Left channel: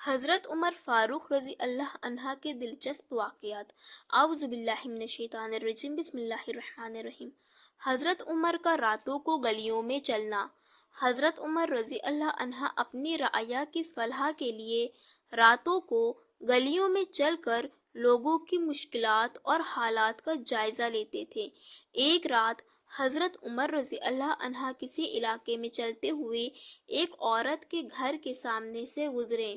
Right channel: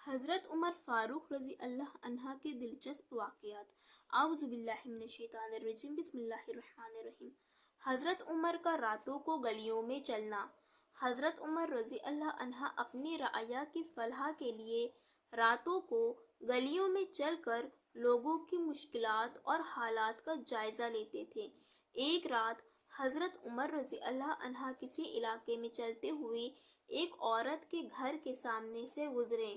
حضرت عمر فاروق رضی اللہ عنہ کے دلچسپ واقعات۔ اعوذ باللہ من الشیطان الرجیم، بسم اللہ الرحمن الرحیم۔ حضرت عمر کا راتوں کو گلیوں میں چلنا۔ حضرت عمر رضی اللہ عنہ اپنی رعایا کی فلاح کے لیے راتوں کو گلیوں میں چل کر لوگوں کی مشکلات اور حالات کا جائزہ لیتے تھے۔ ایک رات حضرت عمر رضی اللہ عنہ کسی علاقے میں چلتے ہوئے ایک عورت کے گھر کے سامنے سے گزرے،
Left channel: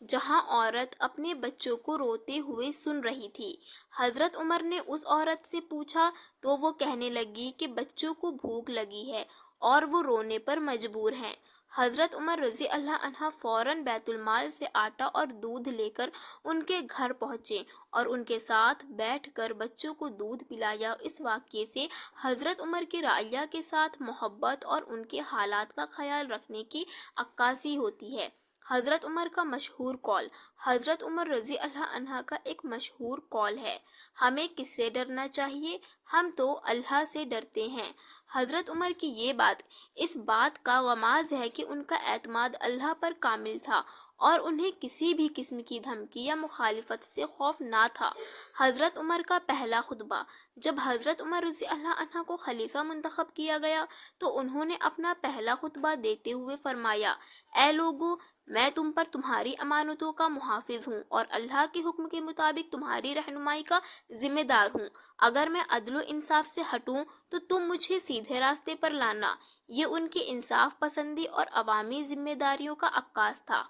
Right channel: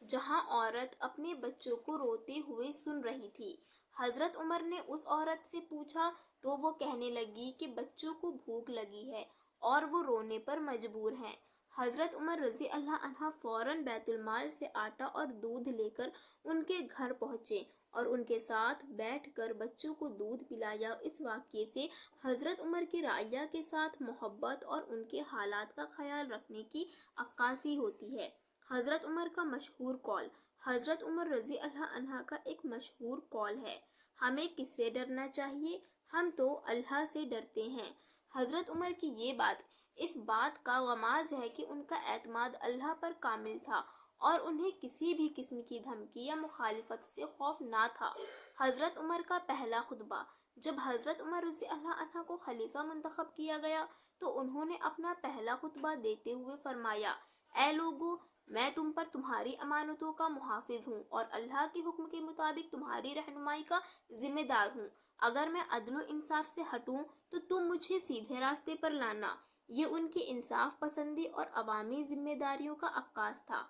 جہاں عورت اپنے بچوں کو روتے ہوئے سن رہی تھی۔ حضرت عمر نے اس عورت سے پوچھا تو وہ کہنے لگی کہ بچوں کو بھوک لگی ہے اور وہ رونے پر مجبور ہیں۔ حضرت عمر رضی اللہ عنہ فوراً بیت المال سے آٹا اور دودھ لے کر ان کے گھر پہنچے اور ان کے ساتھ بیٹھ کر بچوں کو دودھ پلایا۔ اس واقعے سے حضرت عمر کی رعایا کے ساتھ محبت اور ان کے حالات کا خیال رکھنے کی عکاسی ہوتی ہے۔ حضرت عمر کا مشہور قول۔ حضرت عمر رضی اللہ عنہ کا ایک مشہور قول ہے، ہمیں کس سے ڈرنا چاہیے؟ ہم تو اللہ سے ڈرتے ہیں۔ حضرت عمر کی یہ بات اس بات کا غماز ہے کہ ان کا اعتماد اللہ پر کامل تھا اور انہیں کسی بھی قسم کی دھمکی یا مخالفت سے خوف نہ تھا۔ حضرت عمر کا پہلا خطبہ۔ جب حضرت عمر رضی اللہ عنہ کو خلیفہ منتخب کیا گیا تو انہوں نے اپنا پہلا خطبہ دیتے ہوئے فرمایا، اے لوگو، میں تم پر تمہاری امانتوں کا محافظ ہوں اور اللہ کے حکم کے مطابق تمہاری رہنمائی کا ذمہ دار ہوں۔ اگر میں عدل و انصاف سے ہٹوں تو تم مجھے سیدھے راستے پر لانا۔ یہ ان کی انصاف پسندی اور عوامی ذمہ داریوں کا عکاس تھا۔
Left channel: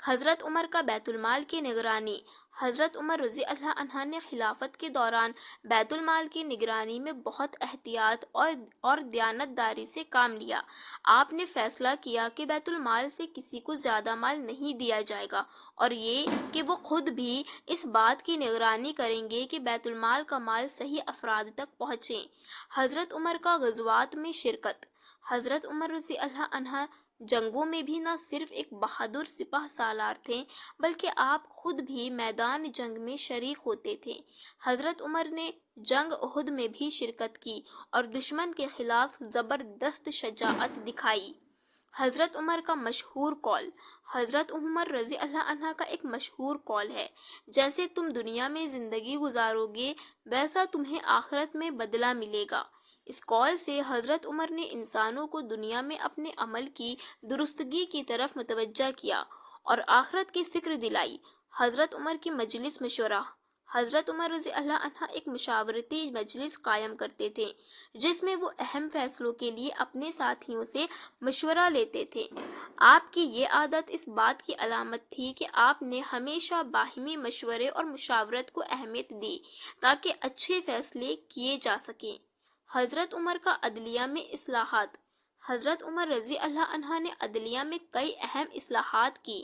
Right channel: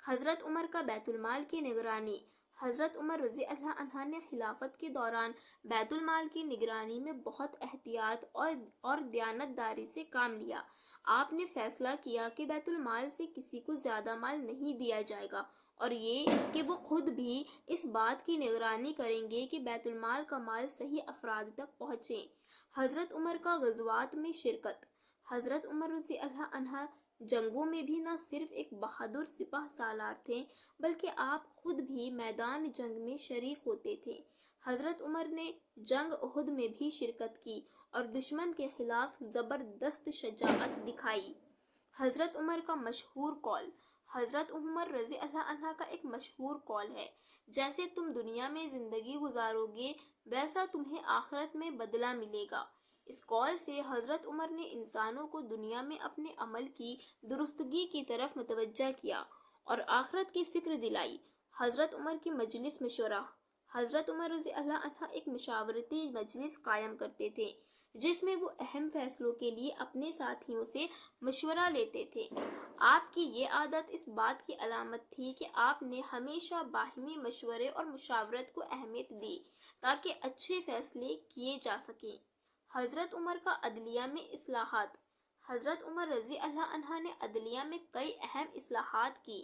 حضرت عمر کا بیت المال کی نگرانی۔ حضرت عمر رضی اللہ عنہ نے خلافت کے دوران بیت المال کی نگرانی میں بہت احتیاط اور دیانت داری سے کام لیا۔ آپ نے فیصلہ کیا کہ بیت المال سے کسی کو زیادہ مال نہیں دیا جائے گا اور یہ کہ وہ خود بھی اس بات کی نگرانی کریں گے کہ بیت المال کا مال صحیح افراد تک پہنچے۔ حضرت عمر کا غزوات میں شرکت۔ حضرت عمر رضی اللہ عنہ جنگوں میں بھی نہ صرف ایک بہادر سپہ سالار تھے بلکہ آپ خود بھی میدان جنگ میں شریک ہوتے تھے۔ حضرت عمر نے جنگ احد میں بھی شرکت کی اور دشمن کے خلاف زبردست شجاعت دکھائی۔ حضرت عمر کا مشہور قول۔ حضرت عمر رضی اللہ عنہ کا ایک مشہور قول ہے، جیسے تم دنیا میں زندگی گزارو گے ویسا تمہیں آخرت میں بدلہ ملے گا۔ اس قول سے حضرت عمر نے انسانوں کو دنیا میں اپنے عمل کی درستگی کی طرف متوجہ کیا اور آخرت کی فکر دلائی۔ حضرت عمر کی مجلس مشورہ۔ حضرت عمر رضی اللہ عنہ ایک مشاورتی مجلس قائم کرتے تھے جس میں وہ اہم فیصلوں کے لیے اپنے ساتھیوں سے مشورہ لیتے تھے۔ آپ کی یہ عادت اس بات کی علامت تھی کہ آپ نے ہمیشہ باہمی مشورے اور مشاورت کو اہمیت دی تاکہ اچھے فیصلے کیے جا سکیں۔ حضرت عمر کا عدلیہ میں اصلاحات۔ حضرت عمر رضی اللہ عنہ نے عدلیہ میں کئی اہم اصلاحات کی۔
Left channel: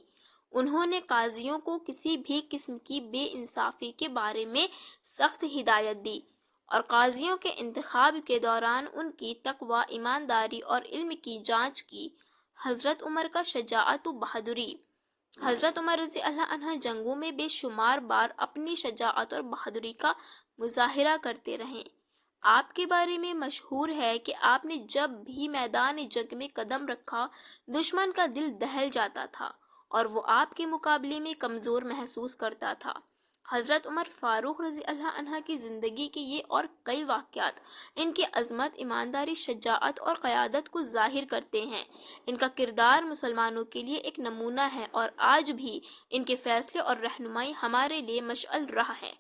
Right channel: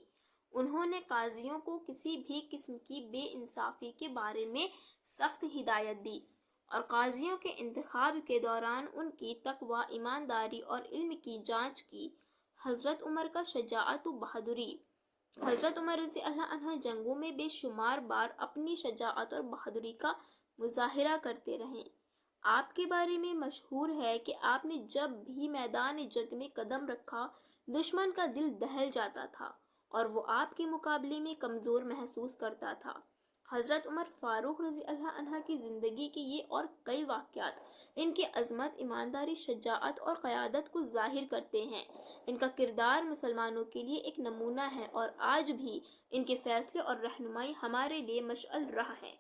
انہوں نے قاضیوں کو کسی بھی قسم کی بے انصافی کے بارے میں سخت ہدایت دی اور قاضیوں کے انتخاب کے دوران ان کی تقوی، ایمانداری اور علم کی جانچ کی۔ حضرت عمر کا شجاعت و بہادری۔ حضرت عمر رضی اللہ عنہ جنگوں میں بے شمار بار اپنی شجاعت اور بہادری کا مظاہرہ کرتے رہے۔ آپ کے بارے میں مشہور ہے کہ آپ نے جب بھی میدان جنگ میں قدم رکھا دشمن کا دل دہل جاتا تھا اور وہ آپ کے مقابلے میں کمزور محسوس کرتا تھا۔ حضرت عمر فاروق رضی اللہ عنہ کی زندگی کے یہ اور کئی واقعات ان کی عظمت، ایمانداری، شجاعت اور قیادت کو ظاہر کرتے ہیں۔ ان کا کردار مسلمانوں کے لیے ایک نمونہ ہے اور آج بھی ان کے فیصلے اور رہنمائی ہمارے لیے مشعل راہ ہے۔